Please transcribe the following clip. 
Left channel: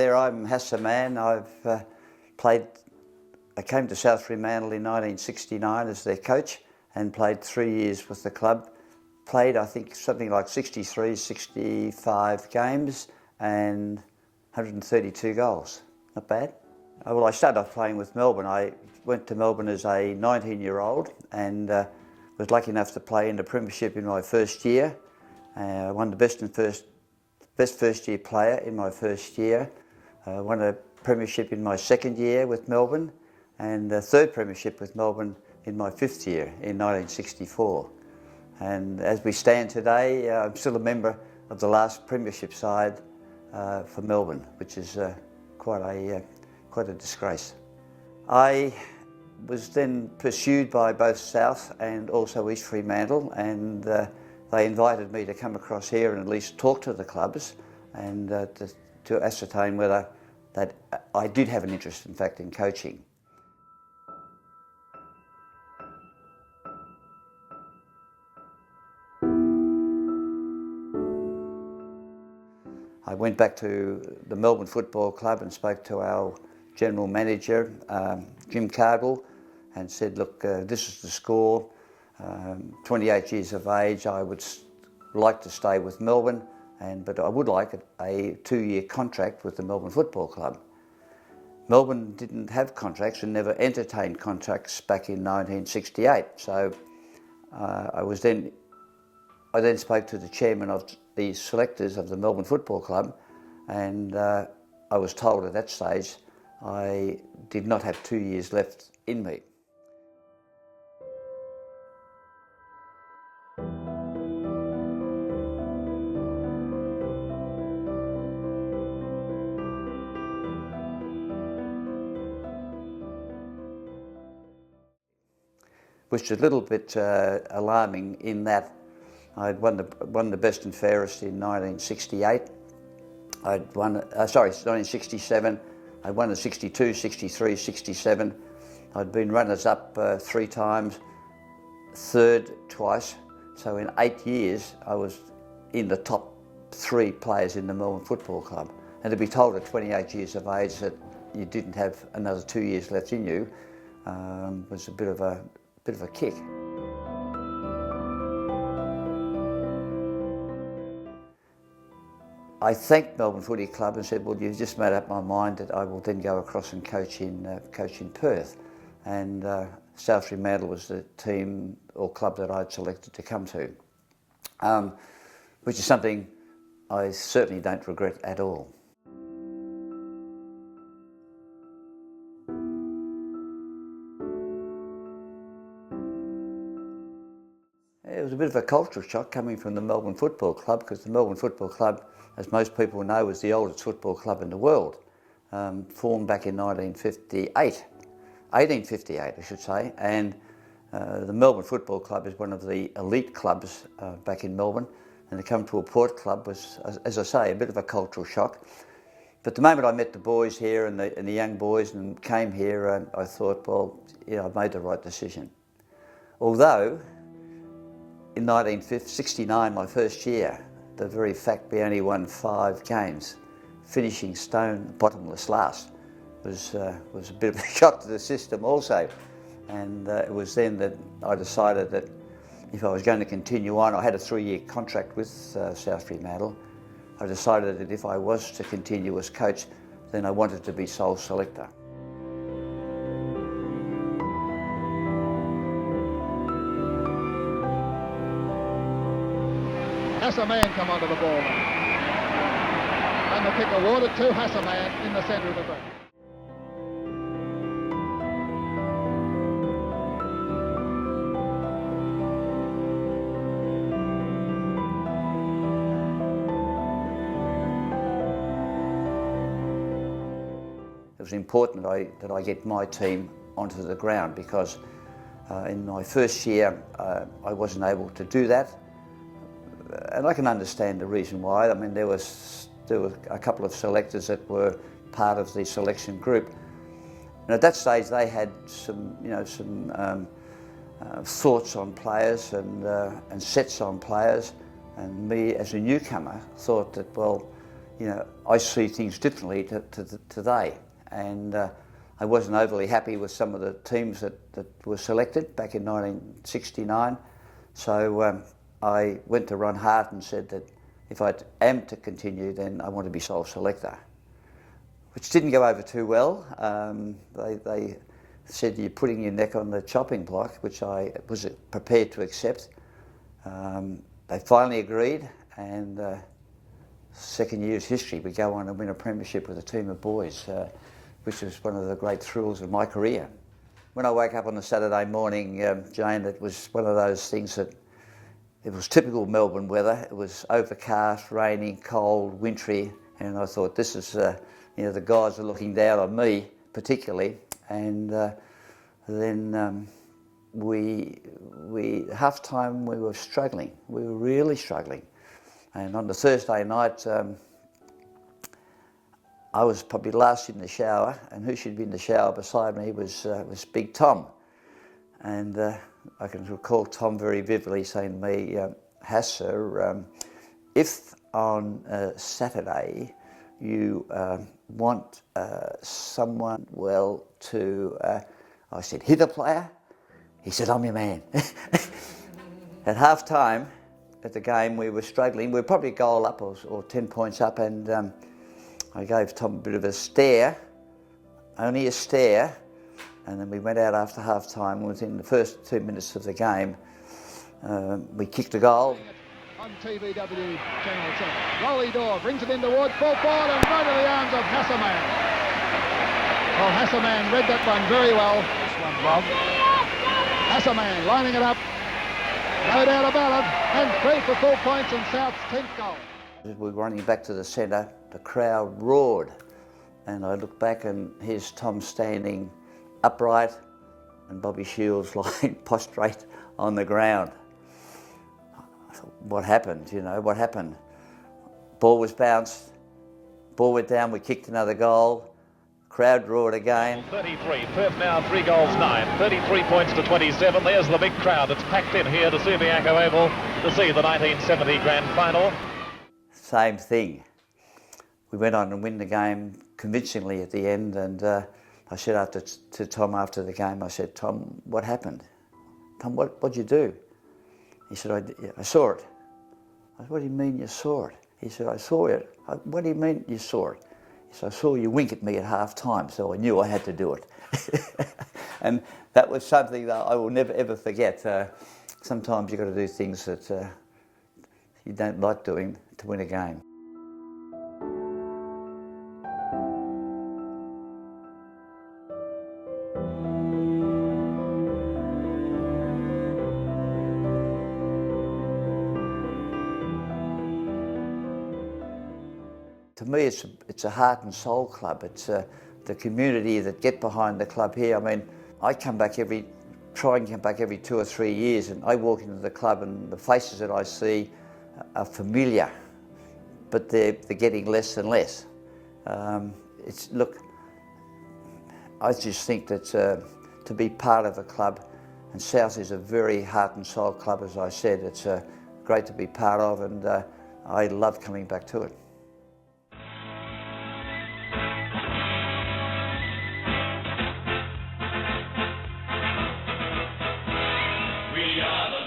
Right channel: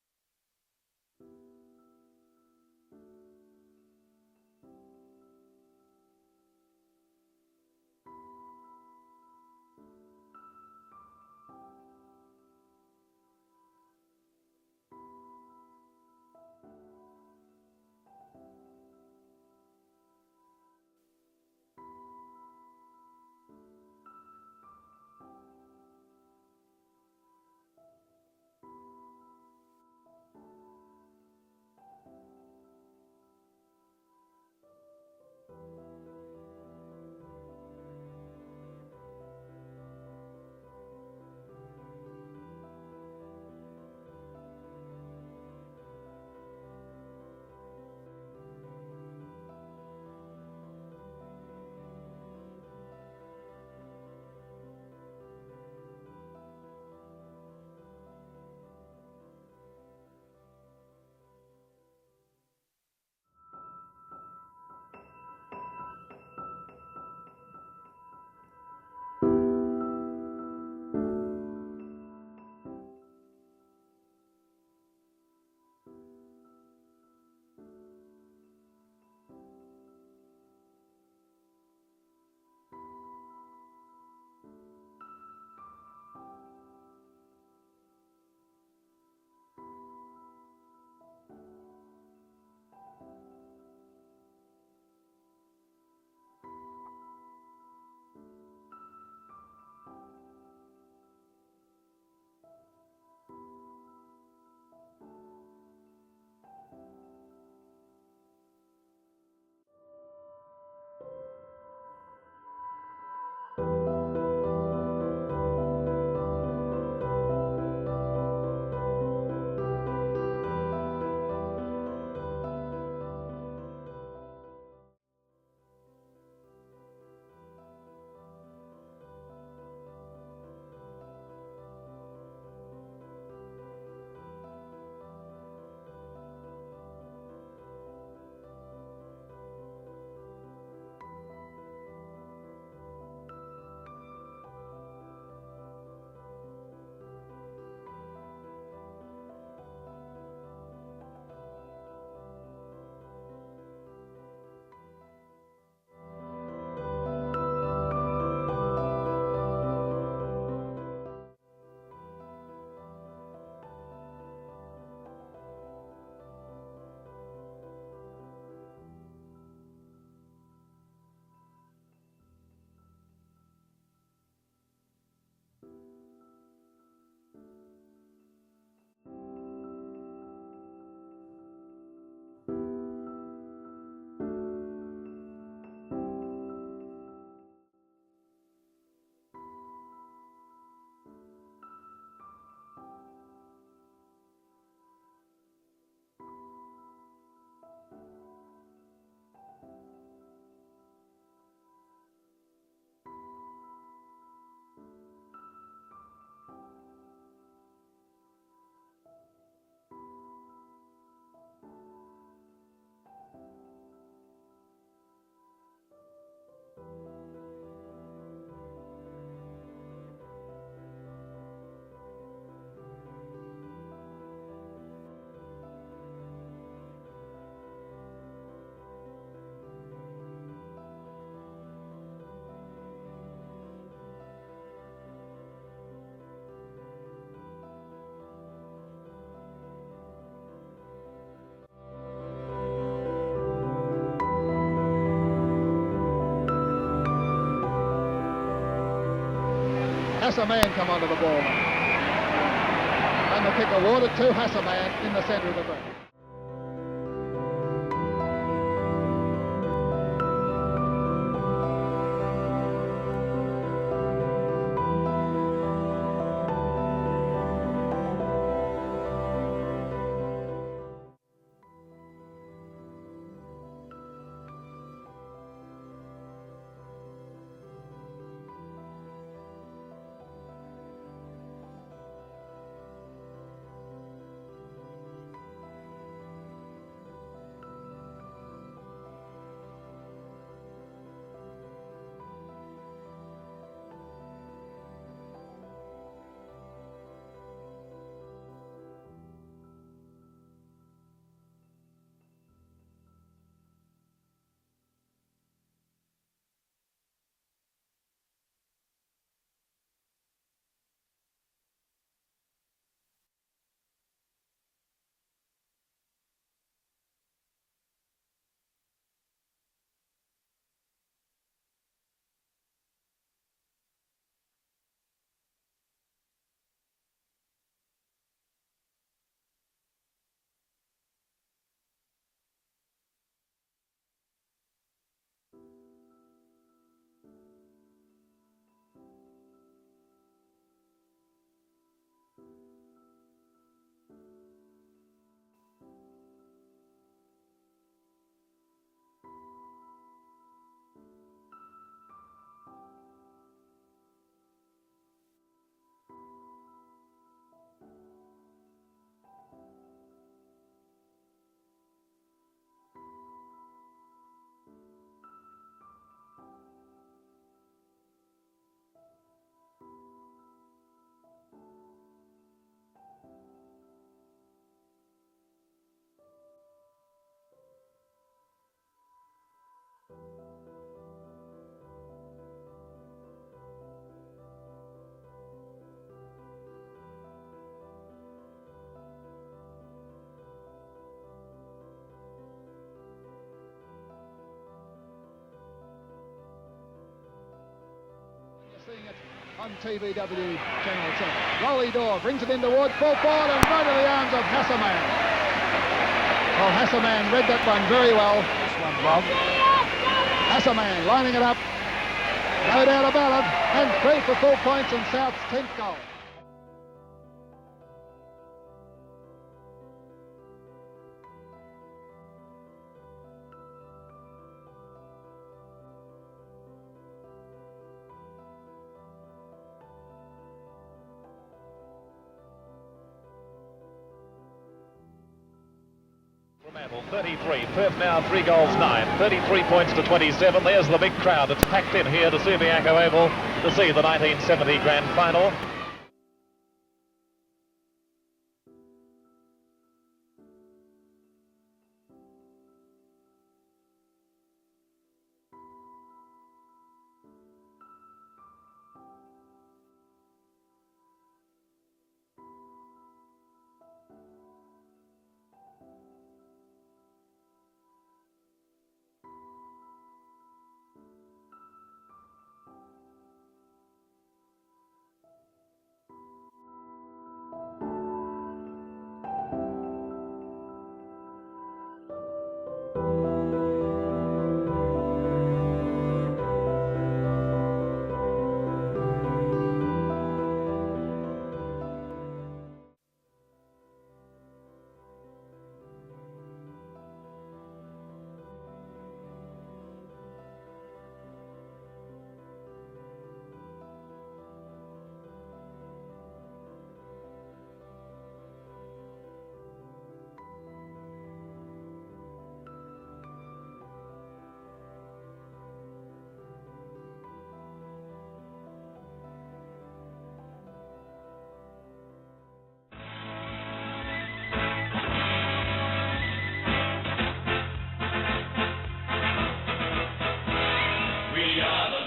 there, I'm Hassa Mann. I came to South Fremantle in 1969 as their coach and played 3 years with the club. Played, I think, something like 63, 65 games and 132 goals. Not bad. Well, I started off playing with Melbourne. I went to Melbourne as a 19-year-old and was lucky enough to play in the premiership in my first year. I won the best first year player in my first year. Won a premiership in my second year with Melbourne and a third premiership with Melbourne in my fifth year in 1964. And as we stand today, I'm still a member of the last premiership side for Melbourne, which is quite a disgrace. I was then pursued by both South and also East Fremantle, and they invited me to come across here and at least talk to the clubs and to ascertain whether that I did have an interest, in fact, in coaching. I went back to the Melbourne Football Club and spoke to our general manager, Jim Cardwell, and said, look, this is the score. 28 years of age, I would like to stay with Melbourne, but I would like a 2-year contract with the Melbourne Football Club. Melbourne didn't have contracts and never entertained contracts back in 1968, so I then spoke to the chairman of the selectors of the Melbourne Football Club, and I was told at that stage I did not have 2 years left in me. Which is a little bit alarming in that I'd won the best and fairest in 1968. 1967. I won the 62, 63, 67. I'd been runners-up 3 times, third twice. So in 8 years, I was in the top 3 players in the Melbourne Football Club. And to be told at 28 years of age that you didn't have another 2 years left in you was a bit of a kick. I thanked Melbourne Footy Club and said, well, you've just made up my mind that I will then go across and coach in Perth. And South Fremantle was the team or club that I'd selected to come to, which is something I certainly don't regret at all. It was a bit of a cultural shock coming from the Melbourne Football Club, because the Melbourne Football Club, as most people know, is the oldest football club in the world, formed back in 1858 I should say, and the Melbourne Football Club is one of the elite clubs back in Melbourne, and to come to a port club was, as I say, a bit of a cultural shock. But the moment I met the boys here and the young boys and came here, I thought, well, yeah, I've made the right decision. Although, in 1969, my first year, the very fact we only won 5 games, finishing stone bottomless last, was a bit of a shock to the system also. And it was then that I decided that if I was going to continue on, I had a 3-year contract with South Fremantle. I decided that if I was to continue as coach, then I wanted to be sole selector. Hassa Mann come onto the ball now. And the kick awarded to Hassa Mann in the centre of the ground. It was important that I get my team onto the ground, because in my first year I wasn't able to do that. And I can understand the reason why. I mean, there were a couple of selectors that were part of the selection group, and at that stage they had some thoughts on players and sets on players. And me, as a newcomer, thought that, well, you know, I see things differently to today, and I wasn't overly happy with some of the teams that were selected back in 1969. So I went to Ron Hart and said that if I am to continue, then I want to be sole selector, which didn't go over too well. They said you're putting your neck on the chopping block, which I was prepared to accept. They finally agreed, and second year's history, we go on and win a premiership with a team of boys, which was one of the great thrills of my career. When I woke up on a Saturday morning, Jane, it was one of those things that it was typical Melbourne weather. It was overcast, raining, cold, wintry, and I thought, this is, you know, the guys are looking down on me particularly. And then half time we were struggling. We were really struggling. And on the Thursday night, I was probably last in the shower, and who should be in the shower beside me was Big Tom. And I can recall Tom very vividly saying to me, Hassa, if on Saturday you want someone well to, I said, hit a player? He said, I'm your man. At half time at the game, we were struggling. We were probably a goal up or 10 points up, and I gave Tom a bit of a stare, only a stare, and then we went out after half time. Within the first 2 minutes of the game, we kicked a goal. On TVW Channel 7. Rolly Door brings it in towards full forward and right to the arms of Hassa Mann. Well, Hassa Mann read that one very well. This one, Rob. Hassa Mann lining it up. No doubt about it. And 3 for full points and South's 10th goal. As we were running back to the centre, the crowd roared. And I looked back and here's Tom standing upright and Bobby Shields lying prostrate on the ground. I thought, what happened, you know, what happened? Ball was bounced, ball went down, we kicked another goal, crowd roared again. 33, Perth now 3 goals 9, 33 points to 27. There's the big crowd that's packed in here to Subiaco Oval to see the 1970 grand final. Same thing. We went on and win the game convincingly at the end, and I said to Tom after the game, I said, Tom, what happened? Tom, what'd you do? He said, I saw it. I said, what do you mean you saw it? He said, I saw it. What do you mean you saw it? He said, I saw you wink at me at half time, so I knew I had to do it. And that was something that I will never ever forget. Sometimes you've got to do things that you don't like doing to win a game. To me, it's a heart and soul club. It's the community that get behind the club here. I mean, I try and come back every 2 or 3 years, and I walk into the club and the faces that I see are familiar, but they're getting less and less. Look, I just think that to be part of a club, and South is a very heart and soul club, as I said. It's great to be part of, and I love coming back to it. We are the